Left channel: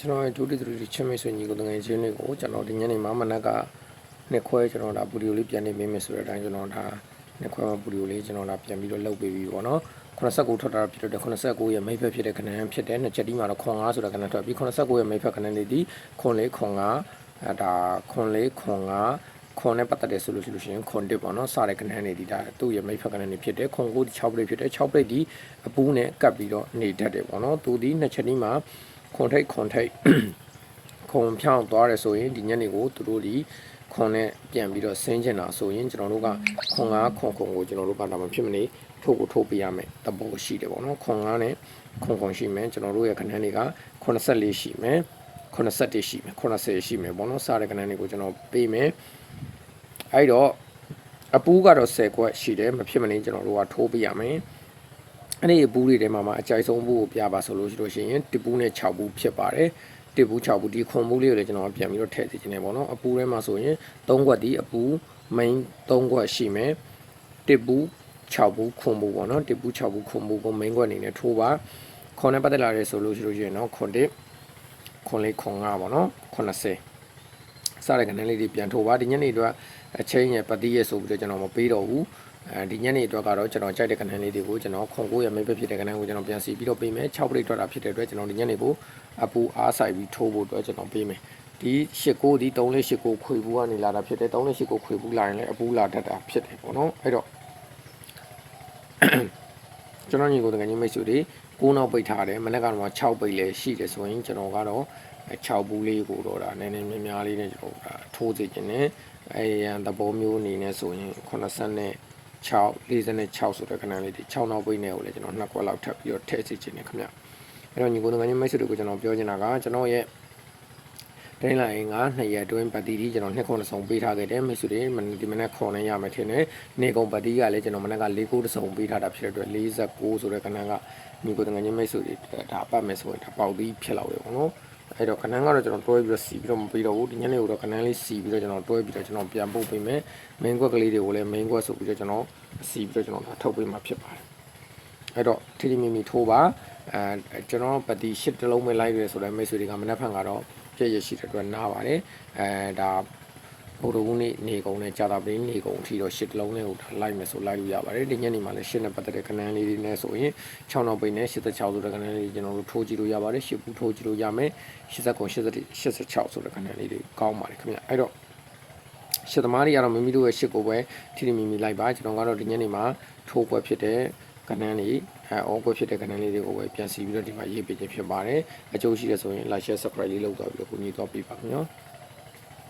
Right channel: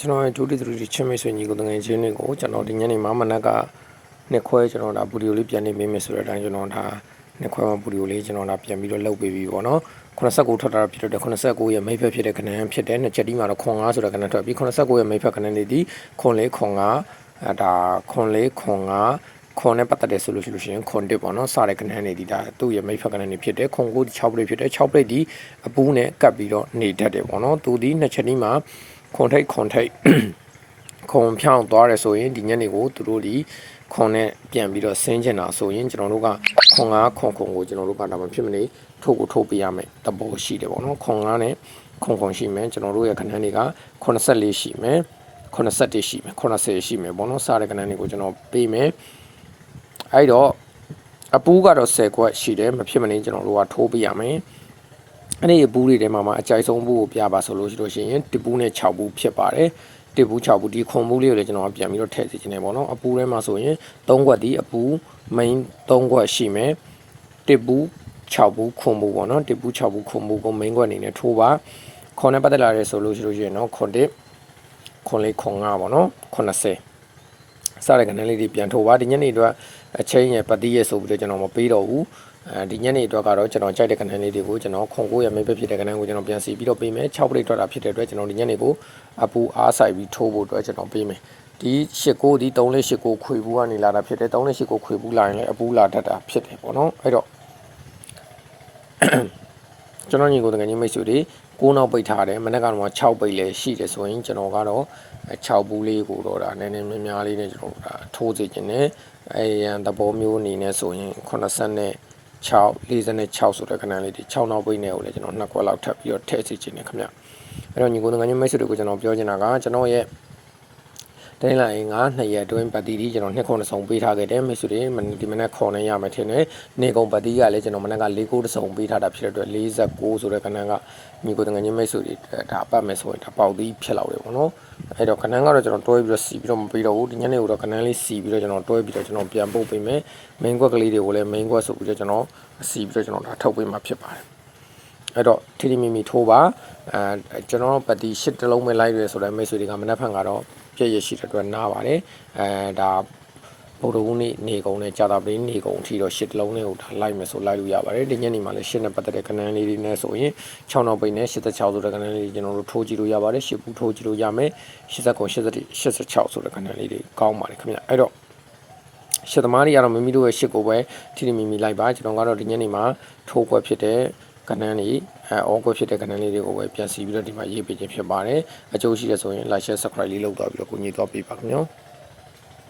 ကျွန်တော်ဒုတိယသူချင်းမေဆွေညီကိုတငယ်ချင်းတွေကိုကျွန်တော်ဒီညနေမှာမနက်ကနှစ်ခွဲကျွန်တော်ဒါဗီဒီယိုလေးပြန်နေပေးမယ်ဆိုတဲ့အတိုင်းကျွန်တော်ဒါနှစ်ခွဲမှာဗီဒီယိုလေးကျွန်တော်ဒါပြန်ပြီးတော့လုပ်ပေးပြီးပေါ့နော်89ထွက်တာဖြစ်တဲ့89ရဲ့မိတ်ဖက်ဖြစ်တဲ့ခဏန်းဖြစ်တဲ့နှစ်ချက်ဒီမှာတော့ခွန်9ဆိုတဲ့ခဏန်းထွက်ပြီး89ရဲ့မိတ်ဖက်ခဏန်းလေးဒီခွန်4ခွန်5ဒါခွန်4ခွန်5ခွန်နဲ့ပတ်သက်တယ်ဆိုလို့ရှိရင်ခွန်1ပေါ့နော်စတဲ့ခဏန်းလေးဒီဒါသူ့ရဲ့မိတ်ဖက်ခဏန်းလေးဖြစ်တဲ့ခွန်9 6ပရိတ်ဖြစ်တဲ့6ပရိတ်ဒီအပူးနဲ့ကပ်ပြီးတော့နေတတ်တယ်ပေါ့နော်သူဒီနှစ်ချက်ဒီမှာခွန်ထိတ်ခွန်ဖြောင်းသွားတယ်ဆိုရင်ဒီညနေကိုသူတို့ဒီခွန်နဲ့ပြန်ပြီးတော့ဆင်းကျင်တာဆိုရင်ကျွန်တော်တို့ကခွန်9ခွန်ကိုကျွန်တော်တို့ကဒါမှဖြစ်မနေထိုးပေးရမယ်တဘောရှိတယ်ပေါ့နော်ခွန်9နဲ့ခွန်ရှိမယ်ကျွန်တော်တို့ရဲ့ခဏန်းတွေက84ရှိမယ်81ရှိမယ်80ရှိမယ်ပေါ့နော်စားတဲ့ခဏန်းတွေကိုကျွန်တော်ပေးမယ်အဲ့တော့အပူးကတော့10ခွက်ရှိတယ်မဖြစ်မနေကျွန်တော်တို့ကထိုးပေးရမယ်အဲ့ဒီဘူးတွေထဲမှာအကြိုက်ဆုံးဘူးကိုပြပါဆိုလို့ရှိရင်တပူးနဲ့6ဘူးဖြစ်ပါတယ်တပူး6ဘူးဒီခွန်ဘူးလေးကိုလည်းကျွန်တော်ပြန်ပြီးတော့ထည့်စီခြင်းနဲ့ပေါ့နော်အပူးထဲမှာဆိုရင်3ခွက်ဒီအပူး main 3ခွက်ရှိမယ်တပူး6ဘူးခွန်ဘူးပေါ့နော်တပူး6ဘူးခွန်ဘူးကို main ခွက်အနေနဲ့ထိုးပါခွန်နဲ့ပတ်သက်လာရဲဆိုလို့ရှိရင်တော့ခွန်1ခွန်4ခွန်5ပေါ့နော်80စားတဲ့ကနေလေးတွေပြန်ထိုးပါဒီညနေအတွက်အချင်းရဲ့ပတိရဲ့ဆိုပြီးတော့ကျွန်တော်မပေးတော့ဘူးဒီညနေအတွက်ကတော့ကျွန်တော်ကြိုက်တဲ့ကဏ္ဍလေးတွေကိုကျွန်တော်ခွန်9ရဲ့မိတ်ပဲဖြစ်တဲ့ကဏ္ဍကိုကျွန်တော်ပြန်စီပြီးတော့ပေးမယ်6ပရိတ်ထွက်တာဖြစ်တဲ့အတွက်ကျွန်တော်ဒီညနေကိုအပူအားဆိုင်ပြီးထိုးဖို့အတွက်ကျွန်တော်ပေးမယ်ဒီ89ဒီ3489ခွေဘူးကနေလာတာဖြစ်တယ်3489ခွေဘူးလာရင်လည်းအပူလာတတ်တာဖြစ်တယ်ပေါ့နော်အဲ့တော့ကျွန်တော်ညီကိုတကယ်ကြီးမိတ်ဆွေတွေ9နောက်ပိတ်ထားတယ်မနေ့ကတော့6ပိတ်လည်းရှိတယ်ဆိုရင်ကျွန်တော်ကတော့6ဘူးလေးကိုတော့ဒါနည်းနည်းများလေးနဲ့ကျွန်တော်ဒါထိုးစေခြင်းနဲ့အဲရန်သဘောမျိုးအနေနဲ့ဆိုရင်80နဲ့46ဆိုတဲ့ခဏလေးဒီ6နောက်ပိတ်နဲ့ကိုလည်းကျွန်တော်2ခွက်လောက်ထပ်ပြီးတော့ထည့်စီခြင်းနဲ့ခင်ဗျအဲ့တော့ညီကိုငါညမိတ်ဆွေတွေကိုကျွန်တော်ပြောချင်တာကကျွန်တော်ရဲ့တိုင်းလာရင်2ရက်အတွင်းပတ်တီဒီကျွန်တော်2ခုတစ်စုံပေးထားခဲ့တယ်မိတ်ဆွေတွေဒီမနေ့ခေါ်နေရမယ်ထင်တယ်နေကုန်ပတ်တီကလည်းကျွန်တော်မနေ့က4ခုတစ်စုံပေးထားတာဖြစ်တဲ့အတွက်49ဆိုတဲ့ခဏကညီကိုငါညမိတ်ဆွေတွေဒါပတ်မယ်ဆိုရင်ဒါပေါက်ပြီးဖြစ်လောက်တယ်ပေါ့နော်အဲ့တော့ခဏကတော့ကျွန်တော်တွဲပြီးတော့စီပြီးတော့မပေးတော့ဘူးဒီညနေကတော့ခဏလေးစီပြီးတော့ကျွန်တော်တွဲပြီးတော့ကျွန်တော်ပြန်ပို့ပေးမယ် main ကွက်ကလေးတွေကိုလည်း main ကွက်ဆိုပြီးတော့ကျွန်တော်စီပြီးတော့ကျွန်တော်ဒါထုတ်ပေးမှာဖြစ်ပါတယ်အဲ့တော့ထီထီမီမီထိုးပါကျွန်တော်တို့ပတ်တီ8တလုံးပဲလိုက်ရဲဆိုတဲ့မိတ်ဆွေတွေကမနက်ဖြန်ကတော့ပြည့်ရရှိတဲ့အတွက်နားပါတယ်ဒါဗုဒ္ဓဦးနေကုန်နဲ့ကြာတာပင်းနေကုန်အထိတော့8တလုံးလေးကိုဒါလိုက်မယ်ဆိုလိုက်လို့ရပါတယ်ဒီညနေမှာလည်း8နဲ့ပတ်သက်တဲ့ကဏ္ဍလေးတွေနဲ့ဆိုရင်6နောက်ပိတ်နဲ့86ဆိုတဲ့ကဏ္ဍလေးကျွန်တော်တို့ထိုးကြည့်လို့ရပါတယ်8ဘူးထိုးကြည့်လို့ရမယ်86ဆိုတဲ့ကဏ္ဍလေးတွေကောင်းပါတယ်ခင်ဗျအဲ့တော့ရှစ်သမားတွေကတော့မိမိတို့ရဲ့ရှစ်ကိုပဲထိထိမိမိလိုက်ပါကျွန်တော်ကတော့ဒီညနေမှာထိုးခွက်ဖြစ်တဲ့ကဏ္ဍလေးအော်ခွက်ဖြစ်တဲ့ကဏ္ဍလေးတွေကိုပဲပြန်စီပြီးတော့ဒီမှာရေးပေးခြင်းဖြစ်ပါတယ်အကျိုးရှိရဆိုရင် like share subscribe လေးလုပ်သွားပြီးတော့ကိုညီသွားပေးပါခင်ဗျာ